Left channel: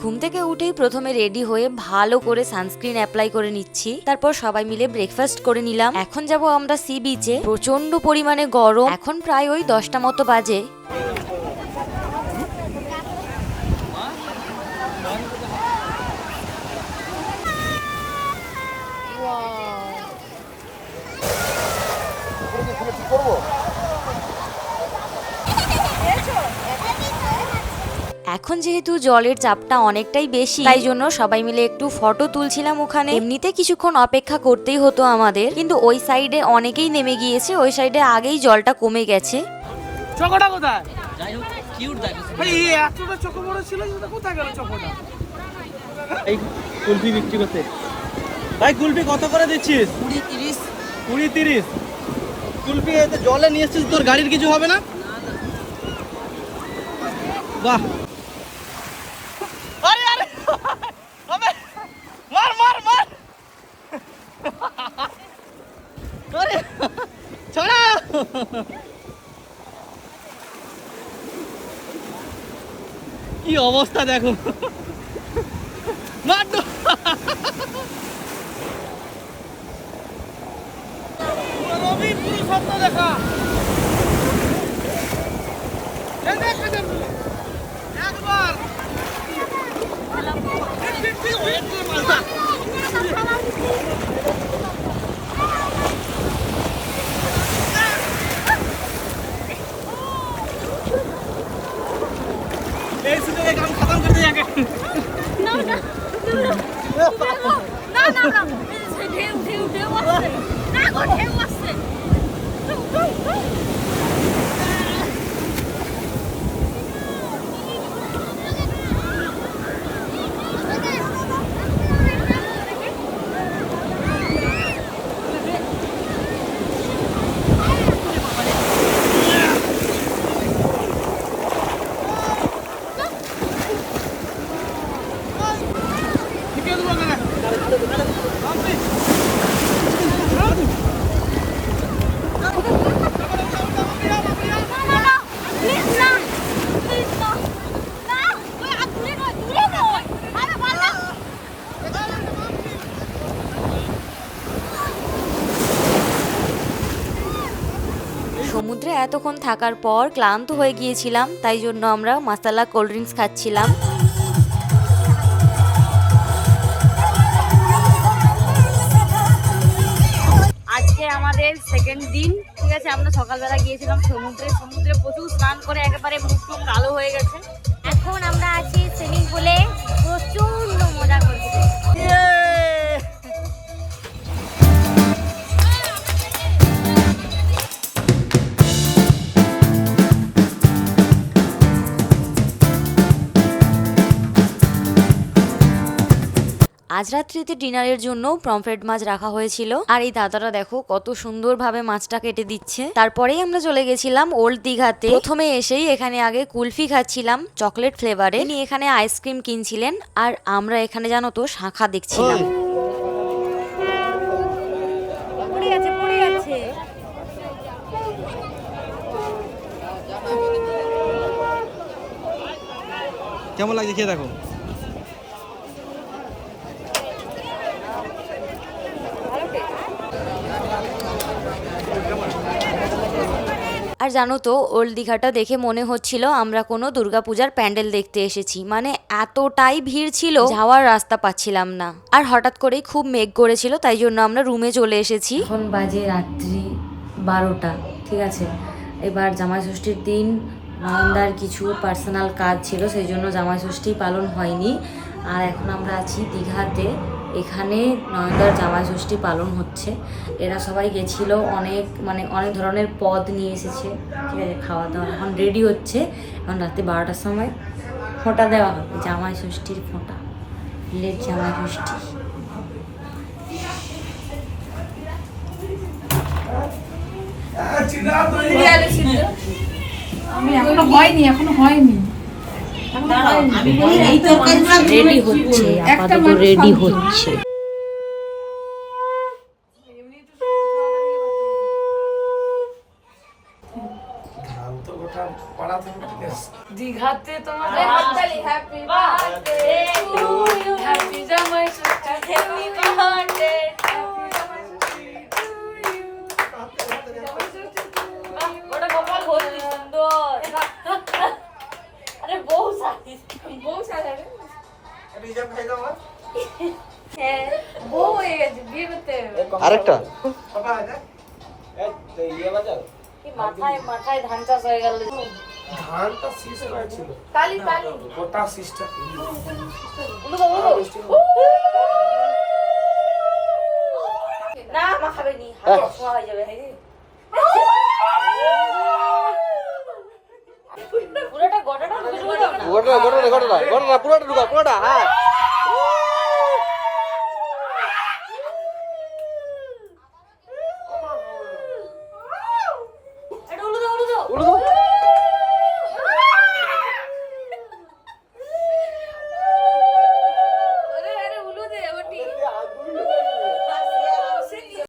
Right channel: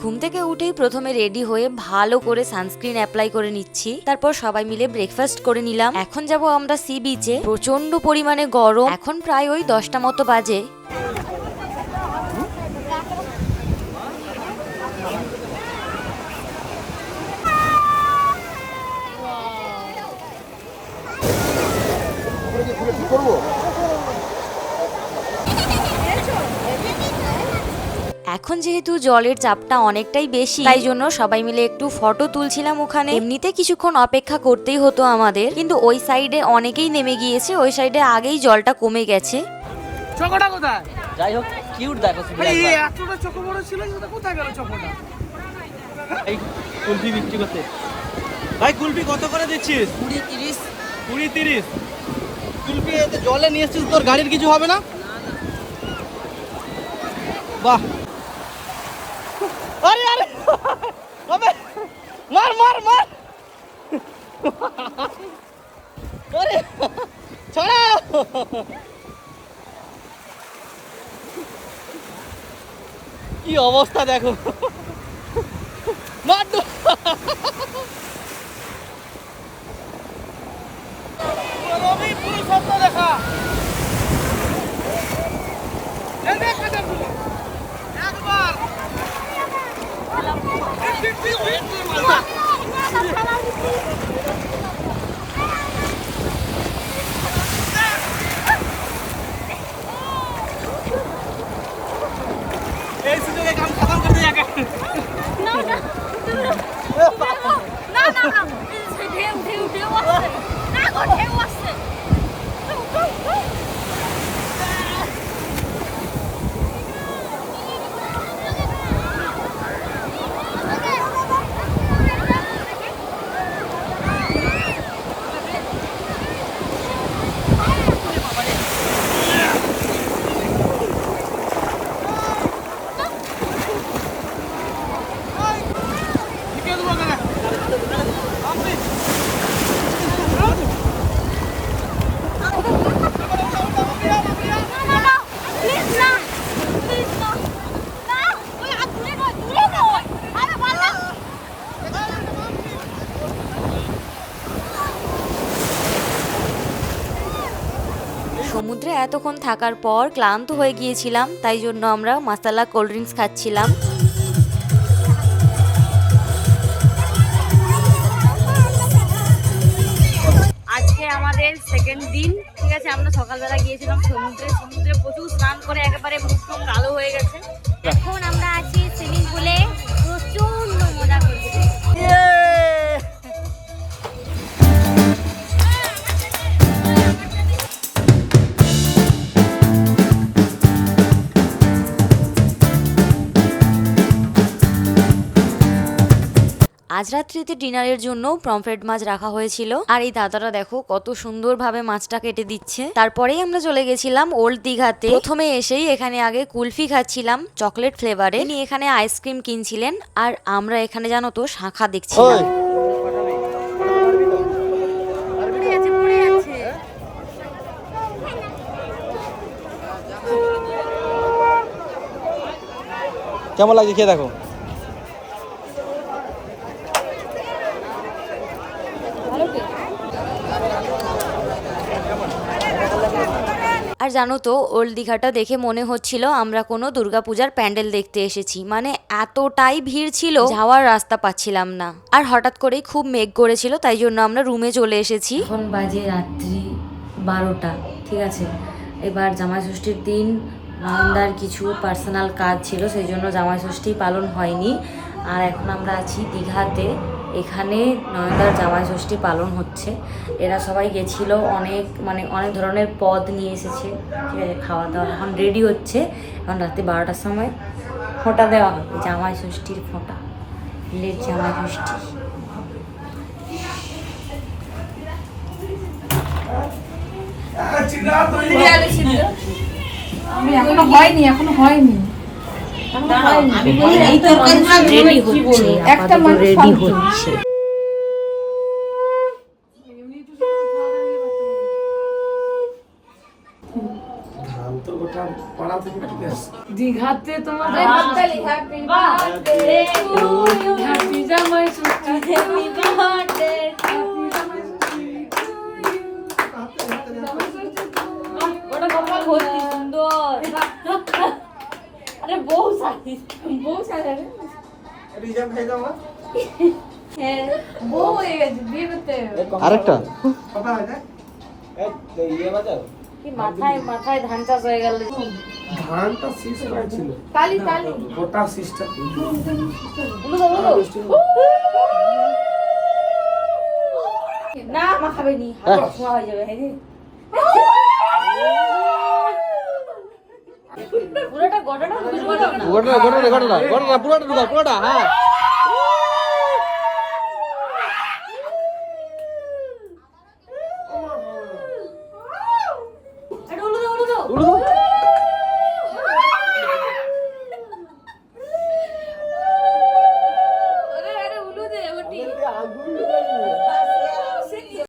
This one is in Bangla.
ঘুম থেকে উঠেই প্রথমে রেডি হয়ে ভালো করে সানস্ক্রিন অ্যাপ্লাই করে নিচ্ছি, তারপর সবাই মিলে ব্রেকফাস্ট করে নিলাম। এখন যাব আমরা সি বিচে। প্রচন্ড পরিমাণে গরম, এখন প্রায় ওই 10টা মতো বাজে। এখন যেহেতু জলের চাপটা অনেকটাই বেশি, তাই জন্য সবাই মিলে একটু ফটো তুলছিলাম ওখানে। এমনিতে কিছুক্ষণ অপেক্ষা করতেই হতো আমাদের, কিন্তু ওই সাইডে অনেকেই নেমে গিয়েছে, ওই সাইডে আগেই জলটা কমে গেছে। চকোটা কোথায়? যাই হোক কিউট দেখাচ্ছে। ভাই এই এতটা চকো বড় ছিল, সেটা কোথায় গেল চকোটা? এই কুলফি বিক্রি করতে। ভাই কুলফি কত করে দিচ্ছিস? 20-30। 20-30 কুলফি এতে জলে নিয়ে এসেছিস, তোর গাড়ির কিছু হবে না? বাহ। আরে আরে ওবে মার মার মার। আরে ছাড়া। কি অবস্থা দেখো। মার তো। রবি পুরো স্বপ্ন দেখা। এই দেখ একবার মালটা। এই সুযোগে কাম খতম করতে যাকে। না না না না না ঢেউ ঢেউ ঢেউ আসছে না গো ঢেউ আসছে সমুদ্রে এতক্ষণ থাকার পর ক্লান্ত হয়ে গিয়েছিলাম, তাই জন্য আমরা মাসালা কোল্ড ড্রিঙ্কস খাচ্ছিলাম। আজকে আমাদের সেকেন্ড দিন, ঠিক আছে। আমরা সকালবেলা গিয়েছিলাম সমুদ্রে, সমুদ্রে প্রচুর স্নান করে একেবারে মুখ টুক কালো হয়ে গেছে। এখন আমরা আছি সুইমিং পুলে, প্রচন্ড মজা করছি। আজ রাত্রিতে ডিনারের জন্য পমফ্রেট মাছ রাখা হয়েছিল, আর এই দাদারা দেখো কত সুন্দরভাবে মাছটা কেটে দিচ্ছে। তারপরেই আমরা চলে গেছিলাম ওল্ড দীঘাতে। প্রথমে এসেই এখানে আগে কুলফি খাচ্ছিলাম চকলেট ফ্লেভারে, ইনি এখানে আইসক্রিম কিনছিলেন, আর আমরা এখানে জানো তো শাঁখা দেখছিলাম। কেমন লাগছে খেয়ে দেখো। আর জানো তো ওল্ড দীঘাটা দেখে মনে হচ্ছিল আমরা কোনো দুর্গাপূজার প্যান্ডেল দেখতে এসেছি, মানে এতটাই ভিড় ছিল, যাওয়ার রাস্তা পাচ্ছিলাম না। আর হঠাৎ করেই খুব মেঘ করেছিল, তাই জন্য আমরা রুমে চলে এসেছি। এখন বাজে রাত্রি 12টা, ঠিক আছে। এবার জামাই ষষ্ঠীর দিন নন্দার কিছু পার্সোনাল কাজ ছিল, সেই জন্য জামাই ষষ্ঠী পালন হয়নি। আর এখন আমরা আছি দীঘাতে, এখানে নয়নদার জামাই ষষ্ঠী পালন হচ্ছে। এরা সবাই গেছিল, অনেক ধরনের পদ নিয়ে এসেছে, ঠিক আছে। খাওয়া দাওয়া এখন রেডি হচ্ছে। এখন রাত্রি 12টার সময় ফোঁটা দেওয়া হবে, জামাই ষষ্ঠীর ফোঁটা, লেট জামাই ষষ্ঠী। এখনো হয়নি রেডি হচ্ছে, আপাতত রেডি হচ্ছে। দীঘাতে তোমার হ্যাপি জামাই ষষ্ঠী ওটা কপাল ভর্তি সুন্দর আরে বউ সাথে রিজার্ভ খাই দাও হ্যাঁ বউ হয়ে গেছে বিয়ে করতে হবে আরেকটা কথা হয় না কি মাথায় ধান চাষ হয়ে গেল ধানটা শেষ করেছিল কালি গোটা সিস্টেম না মাখাবে নি হাত ছোঁয়া হয়ে যাবে পুরোটা ঘটনা বুঝবো না পুরোটা হ্যাঁ এটা উলো দাও আরে উলো দে ওটি